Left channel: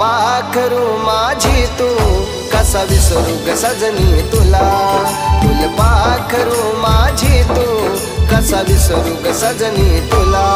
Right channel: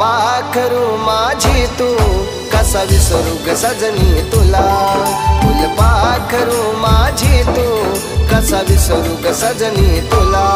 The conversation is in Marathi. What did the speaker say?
फुलपाखरू माझी तू कसा विसरू ग सजनी तुला. फुलपाखरू माझी तू कसा विसरू ग सजनी तुला.